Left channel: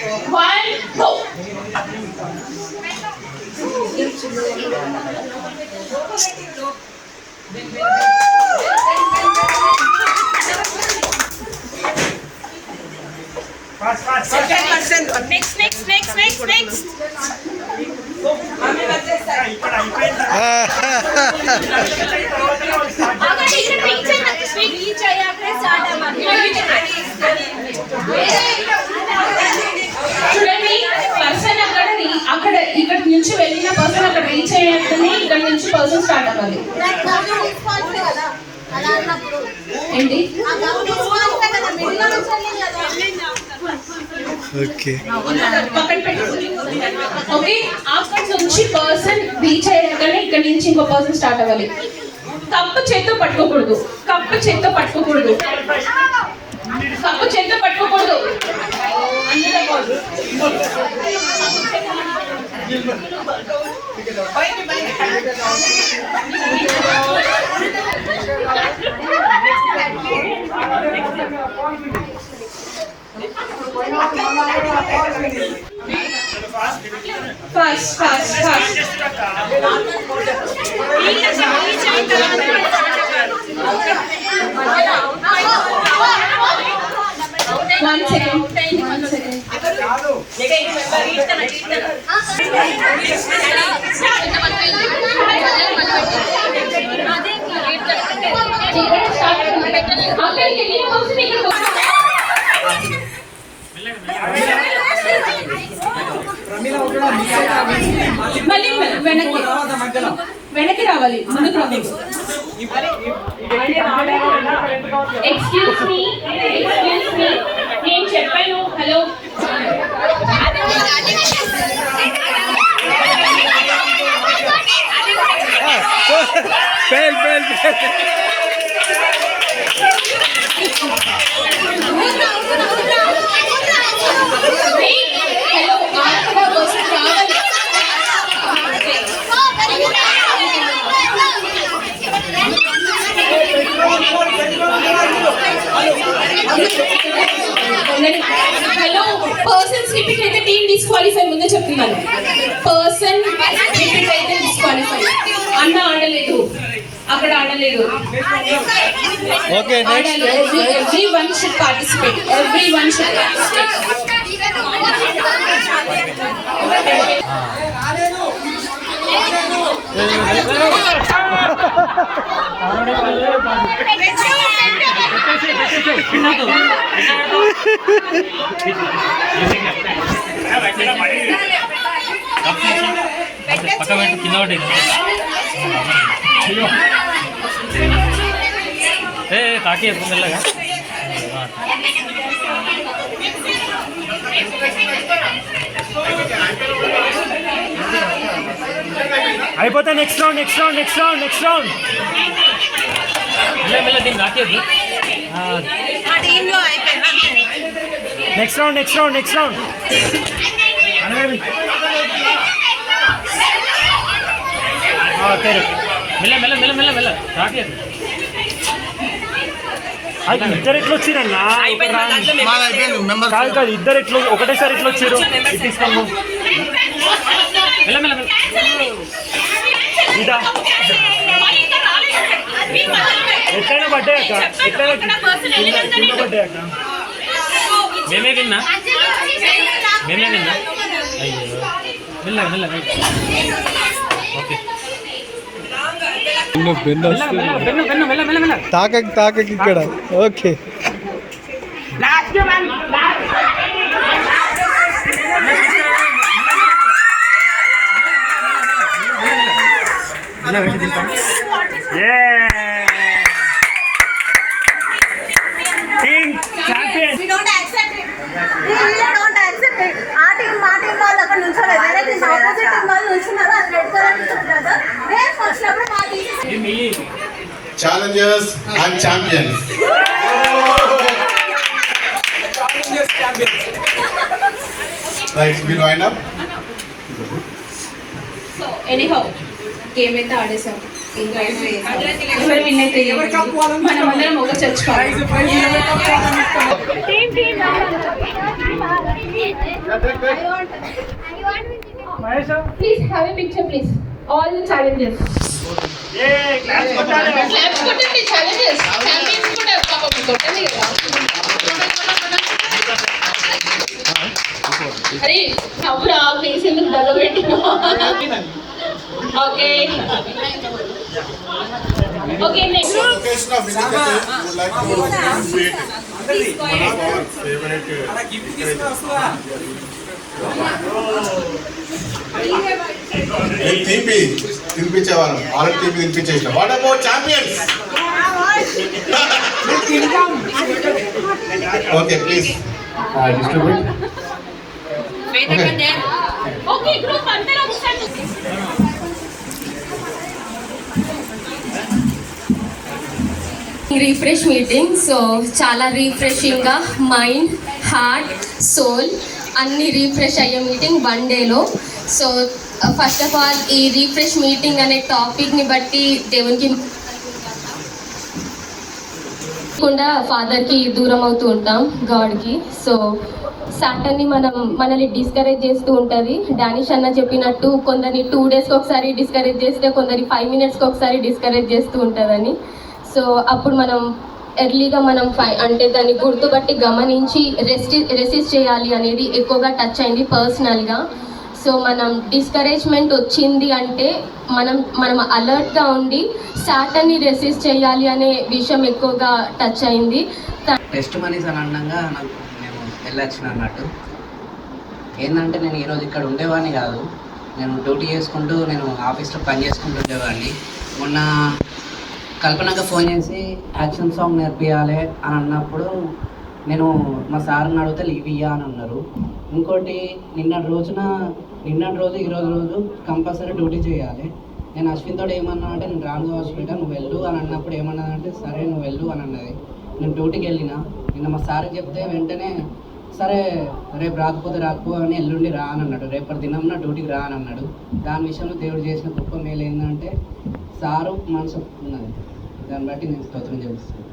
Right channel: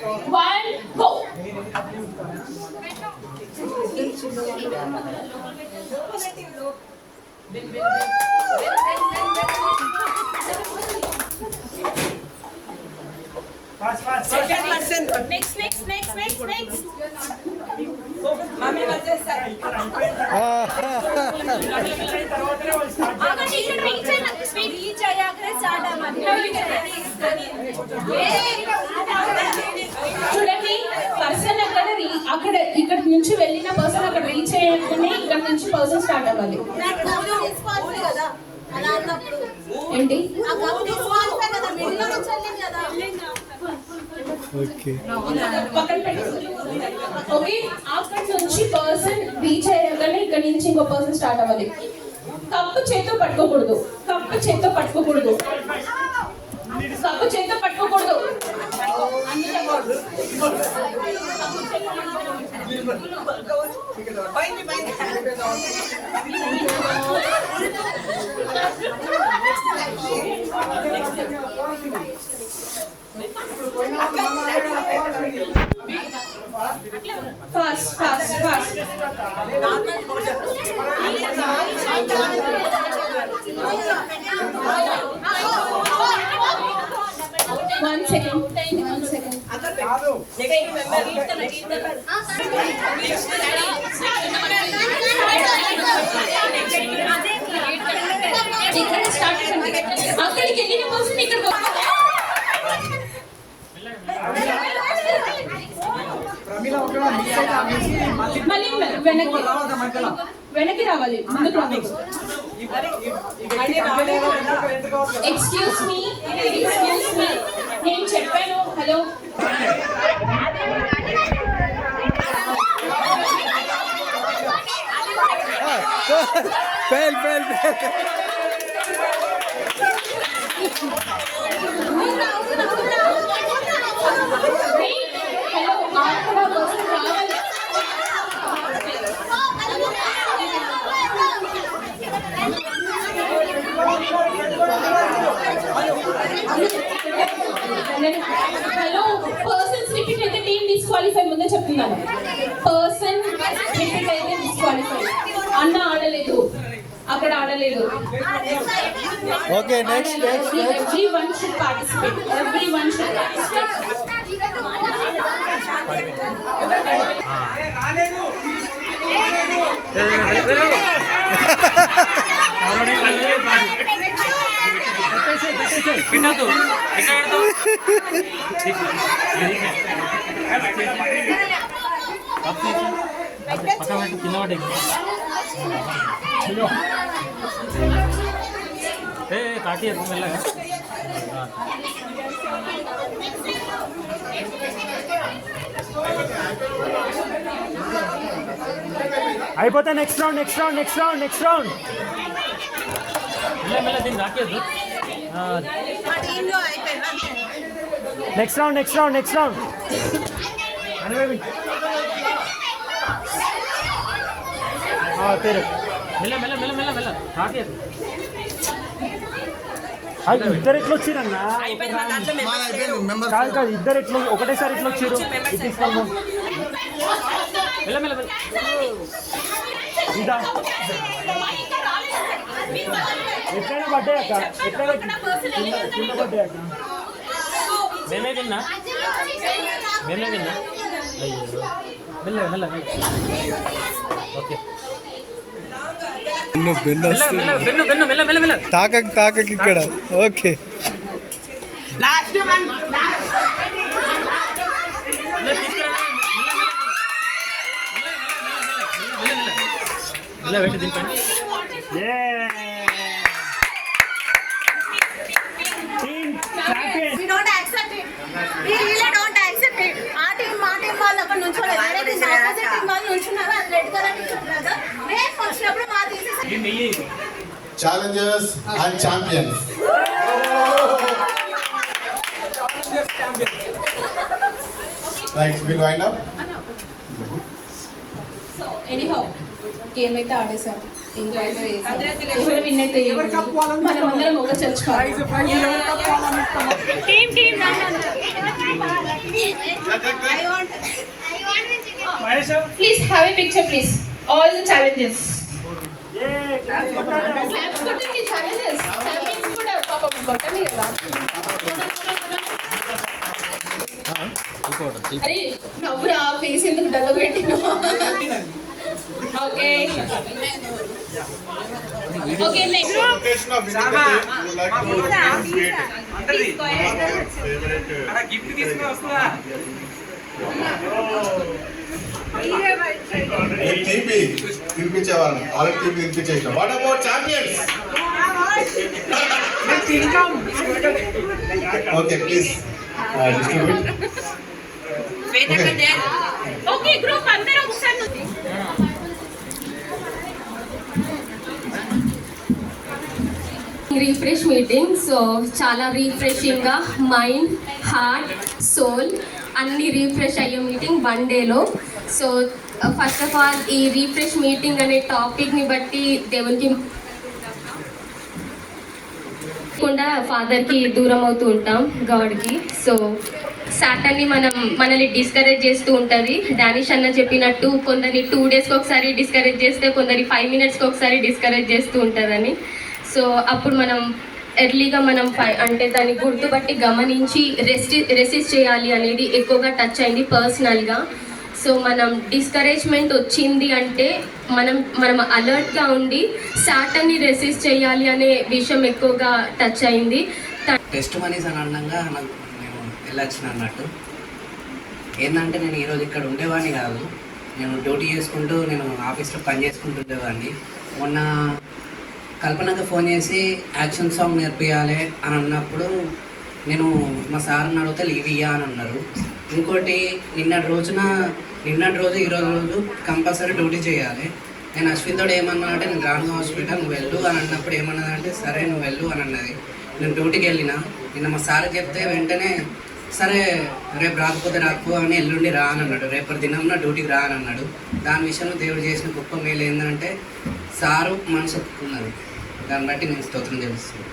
1 go. Fast. Next. Mami వచ్చేస్తా. ఇక్కడ అయిపోయింది. అక్కడ రీచ్ అయ్యాకే స్టార్ట్ అవ్వాలి. చూడండి పర్సన్ అక్కడ ఇక్కడ నుంచి వెళ్ళిన పర్సన్ అక్కడ రీచ్ అయ్యేటనే ఇక్కడ నుంచి పర్సన్ స్టార్ట్ అవ్వాలి. ఏంటి ఓకే అక్కడ నుంచి పర్సన్ రీచ్ అయ్యాకనే ఇక్కడ నుంచి ఇంకో పర్సన్ స్టార్ట్ అవ్వాలి. కప్పు చేత్తో పట్టుకోకూడదు. Fast. 1 second. అక్కడికి వెళ్ళిన పర్సన్ ఇక్కడ మళ్ళీ వెనక్కి రావాలి, ముందుకు రావాలి. ఎక్స్క్యూజ్ మీ నేను చెప్పాను. హలో హలో పర్సన్స్ రిపీట్ అయితే టీమ్ డిస్క్వాలిఫై. ముందే చెప్తున్నాను, పర్సన్ రిపీట్ అయితే డిస్క్వాలిఫై. అన్న ఆడలేదు, అక్కడ ఆడలేదు. Everyone should participate. ताकि मिलेगा అయిపోతా. నెక్స్ట్ రౌండ్ మెల్ల దీన్ని రాకేది. నెక్స్ట్ రౌండ్ మెల్ల రాకేది. ఇద్దరు ఎట్లా వచ్చిరన్నా? కాదు ఇద్దరు ఎట్లా ఒకటేసారి ఎట్లా వచ్చారు? తీసుకోము ఇదా ఎట్లయినా పడ్డాయక్క, పడ్డాయక్క. మేమే విన్నా. అయ్యో మెల్ల ఓకే. తాకకి ఇక్కడ okay. Challengers and champions. Right, we'll wind up. So anyhow, game అయితే ఆడేసాం. ఎవరు విన్ అయితే మనం అందరం ఒక church Please have a picture, please. All the challenges. Claps కొట్టండి challenges. Families కూడా పాపం కొట్టండి కదా. అరే నవ్వురా ప్లీజ్ ఎందుకు దగ్గబెట్టినావు? Okay okay next Location of Vinayaka would like to create నేను తీపి తినిపించేవాళ్ళం ఆల్రెడీ తీపి తినిపించేసిన what about champions okay please distribute okay group అందరూ ఒకసారి రీఫ్రెష్ మీటింగ్. సో చాలా రీఫ్రెషింగ్గా మైండ్, హార్ట్, సోల్ అన్నీ రీఫ్రెష్ అయ్యే మీటింగ్ 1 డేలో. సో ఫస్ట్ ఆఫ్ ఆల్ ఈ రీఫ్రెష్ మీటింగ్ అనే టాపిక్ని బట్టి దేవునికి కూడా ఫాదర్కి దూరం అవుతూ ఉంటాం, గాడ్కి. సో సాటర్ని మనల్ని డిస్కరేజ్ చేస్తూ ఉంటుంది. డానిష్ అన్న చెప్పినట్టు కొందరిని 2 డేస్కి ఒకసారి డిస్కరేజ్ చేస్తే కొందరి 5 మినిట్స్కి ఒకసారి డిస్కరేజ్ చేస్తూ ఉంటుందని. సో అప్పుడు మనం ఎర్లీగా అంటే దాన్ని గుర్తుపట్టి గమనించి రెసిస్ట్ చేయాలి అనేది ఎక్కువగా టచ్ అయింది పర్సనల్గా. సో మనం డిస్కరేజ్మెంట్ వచ్చింది అంటే మనం అలర్ట్గా ఉండి సాటర్ని రెసిస్ట్ చేయాలి అనే విషయం ఎక్కువగా టచ్ అయింది. టెస్ట్ మనీస్ అని అనగా నాకు నేను వెళ్ళొచ్చిన అన్నట్టు ఏంటంటే నేను ఈరోజు ఇక్కడ ఉండేవాడిని కాదు, నేను డ్యూటీ చేసుకుంటూ నేను ఆఫీస్లో పని చేసుకుంటూ ఉండేవాడిని. మొన్న కల్పనగా ఫోన్ చేసి యాక్షన్ సాంగ్ నేర్పియాలి అని అన్నప్పుడు నేను మా సార్ని అడిగితే లీవ్ ఇయ్యా అని అన్నారు. ఇంకోటి నిన్నటి రోజు ఈరోజు రోజు కంపల్సరీ డ్యూటీ చేయాలి. నేను అశ్విన్తో ఏమన్నా అంటే నేను రాను హాస్పిటల్ నువ్వు వెళ్ళు అని అన్నప్పుడు ఏమన్నదంటే సరే నువ్వు వెళ్ళు అని అన్నది. నేను డ్యూటీకి వెళ్ళిన నిన్న మా సార్ చెప్తే వెంటనే సరే రేపు రాకపోతే అని ఎల్లుండి రా అని అన్నాడు. రేపటి దినంలో డ్యూటీకి రా అని అన్నాడు. దాని విషయంలో దేవుడు చేసిన గొప్ప మేలు ఏంటంటే సారు మనసు ఒప్పుకున్నది. దాన్ని బట్టి నేను స్తోత్రం చేస్తున్నాను.